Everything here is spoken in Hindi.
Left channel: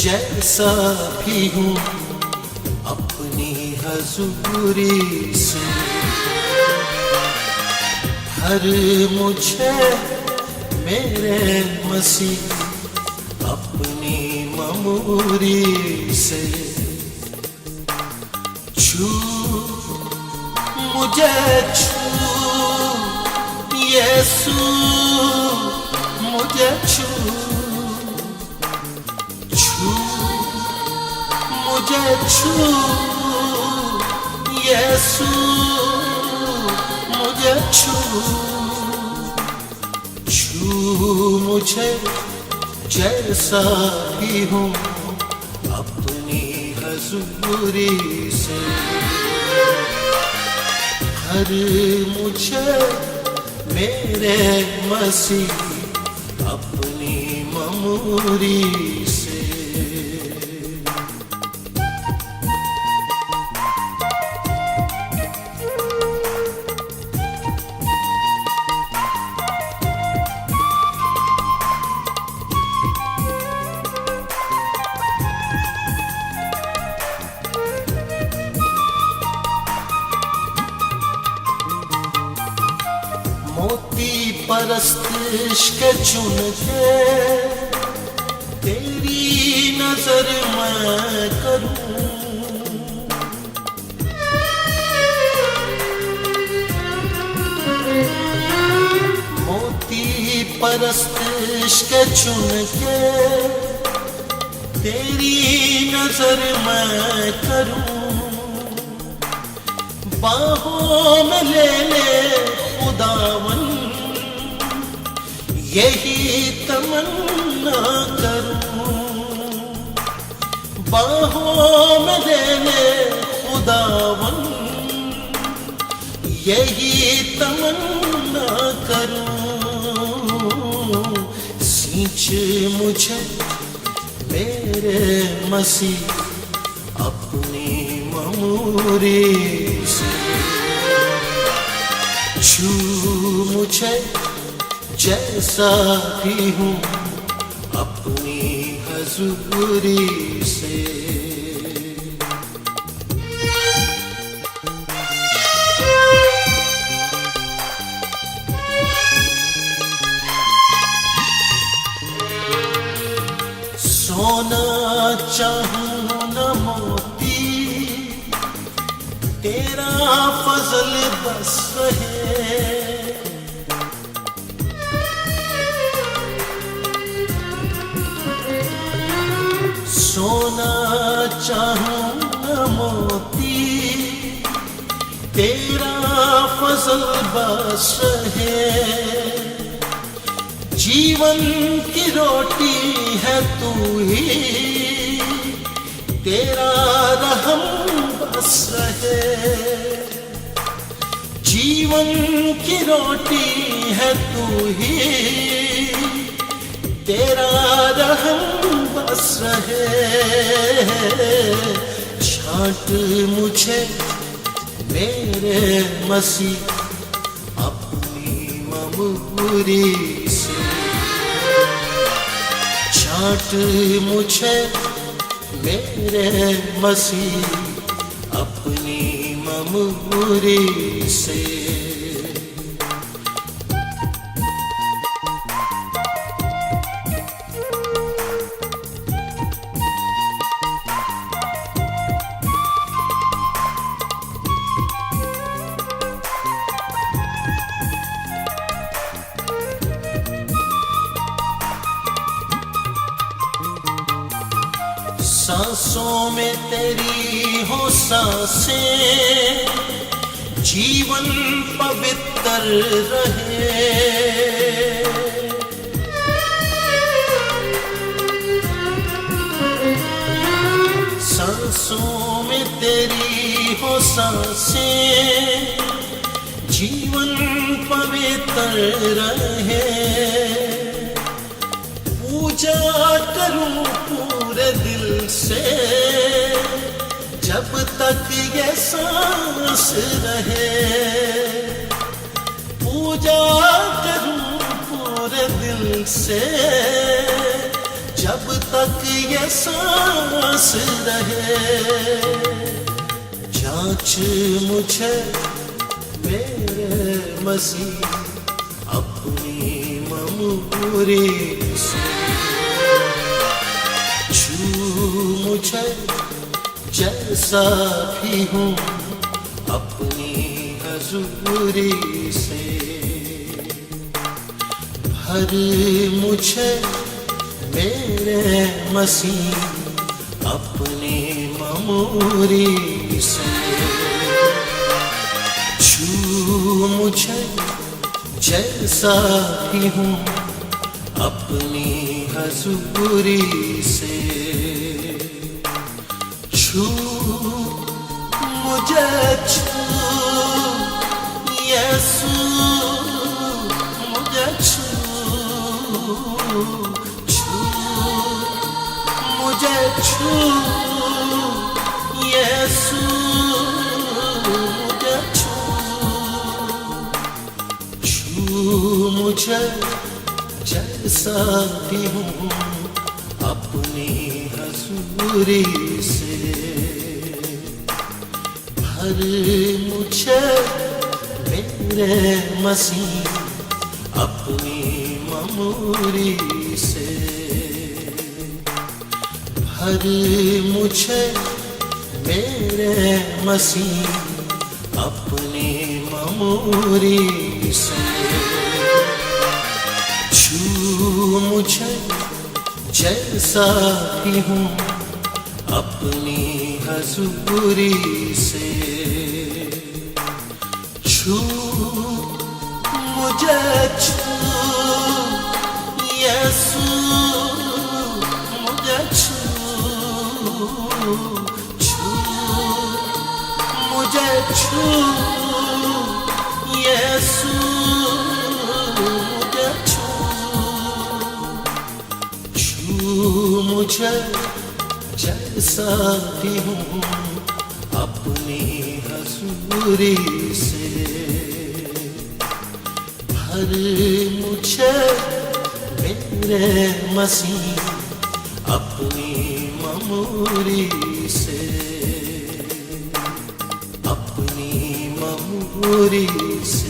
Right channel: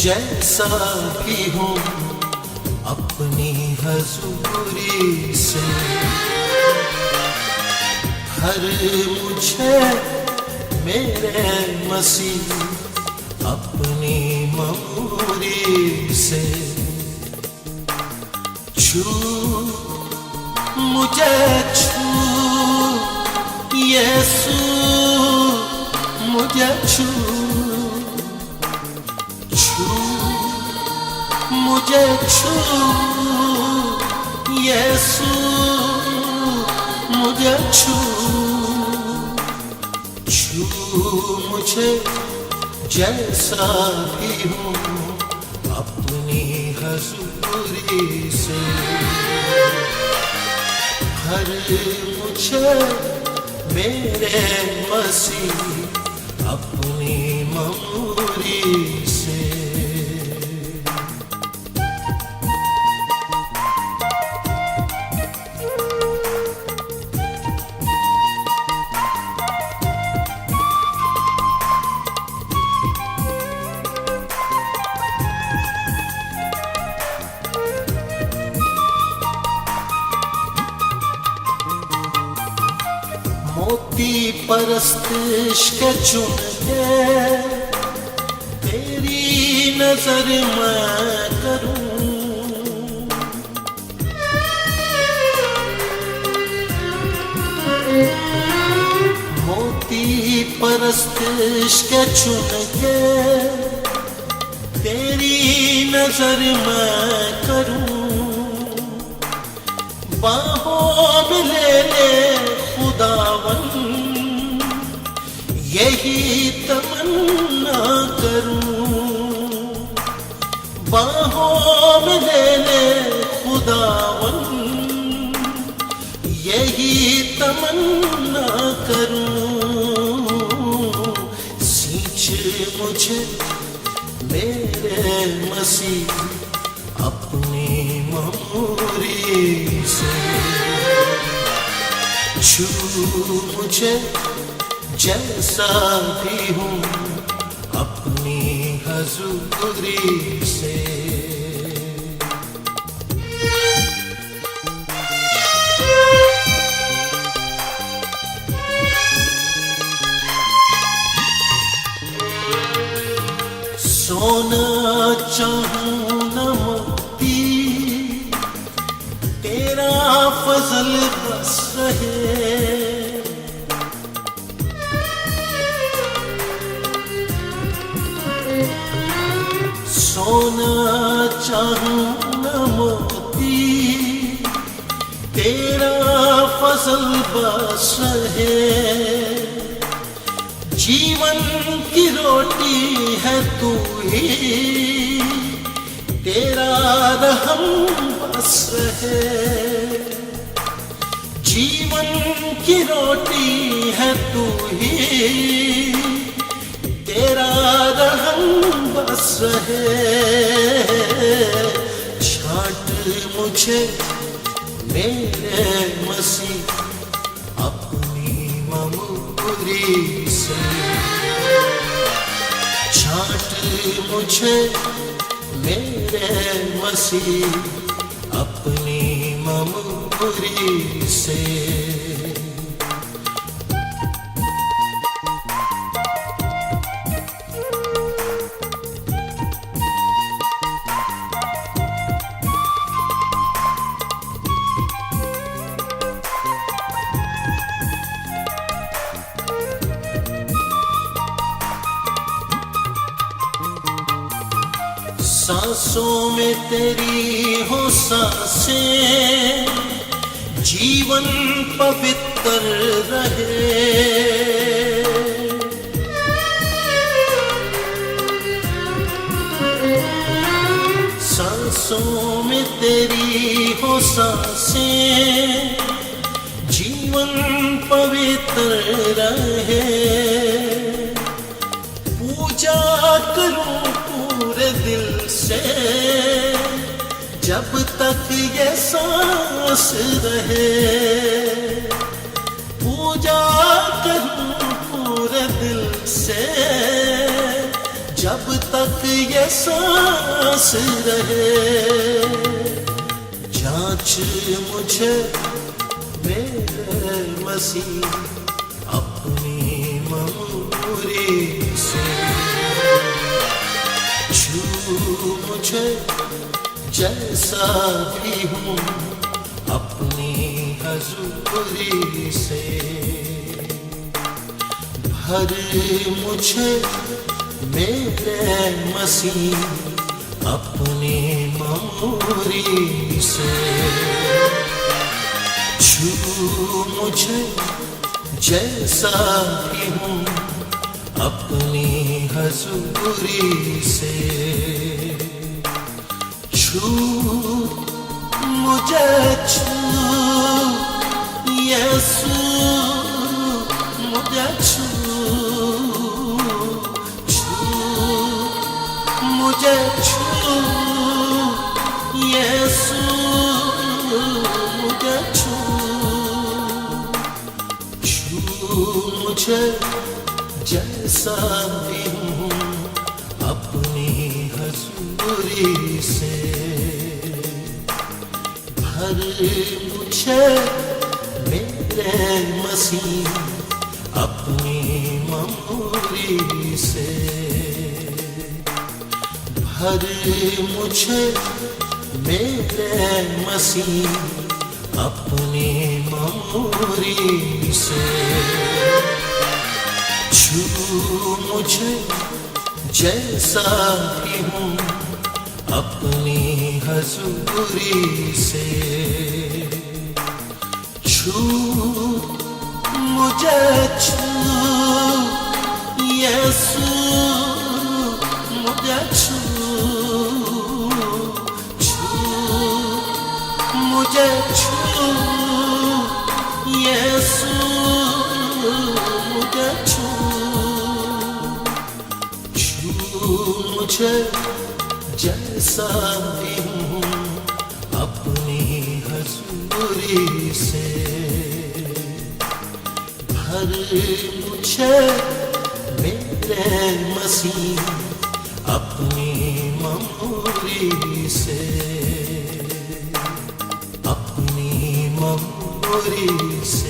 जैसा भी हूँ अपनी हजूरी से, हर मुझे मेरे मसीह अपनी ममूरी से। छू मुझे छू यीशु, मुझे छू मुझे छू यीशु, मुझे छू मुझे जैसा भी हूँ अपनी हजूरी से, हर मुझे मेरे मसीह अपनी ममूरी से। परस्तिश के चुन के तेरी नजर मैं करूं, मोती परस्तिश के चुन के तेरी नजर मैं करूं, बाहों में ले ले खुदावन यही तमन्ना करूं, बाहों में ले ले खुदावन यही तमन्ना करूं, सींच मुझे मेरे मसीह अपनी ममूरी से, छू मुझे जैसा भी हूँ अपनी हजूरी से। सोना चाहूँ न मोती, तेरा फजल बस रहे, सोना चाहूं न मोती, तेरा फजल बस रहे, जीवन की रोटी है तू ही, तेरा रहम बस रहे, जीवन की रोटी है तू ही, तेरा रहम बस रहे, छांट मुझे मेरे मसीह अपनी ममूरी से, छांट मुझे मेरे मसीह अपनी ममूरी से। सांसों में तेरी हो सांसें, जीवन पवित्र रहे, सांसों में तेरी हो सांसें, जीवन पवित्र रहे, पूजा करूं पूरे दिल से जब तक ये सांस रहे, पूजा करूं पूरे दिल से जब तक तक ये सांस रहे। जांच मुझे मेरे मसीह अपनी ममूरी से, छू मुझे जैसा भी हूँ अपनी हजूरी से। भर मुझे मेरे मसीह अपनी ममूरी से, छू मुझे जैसा भी हूँ अपनी हजूरी से। छू मुझे छू यीशु मुझे छू, मुझे छू यीशु मुझे छू, छू मुझे जैसा भी हूँ अपनी हजूरी से। भर मुझे मेरे मसीह अपनी ममूरी से, भर मुझे मेरे मसीह अपनी ममूरी से। छू मुझे जैसा भी हूँ अपनी हजूरी से, छू मुझे छू यीशु मुझे छू, मुझे छू यीशु मुझे छू, छू मुझे जैसा भी हूँ अपनी हजूरी से। भर मुझे मेरे मसीह अपनी ममूरी से, अपनी ममूरी से।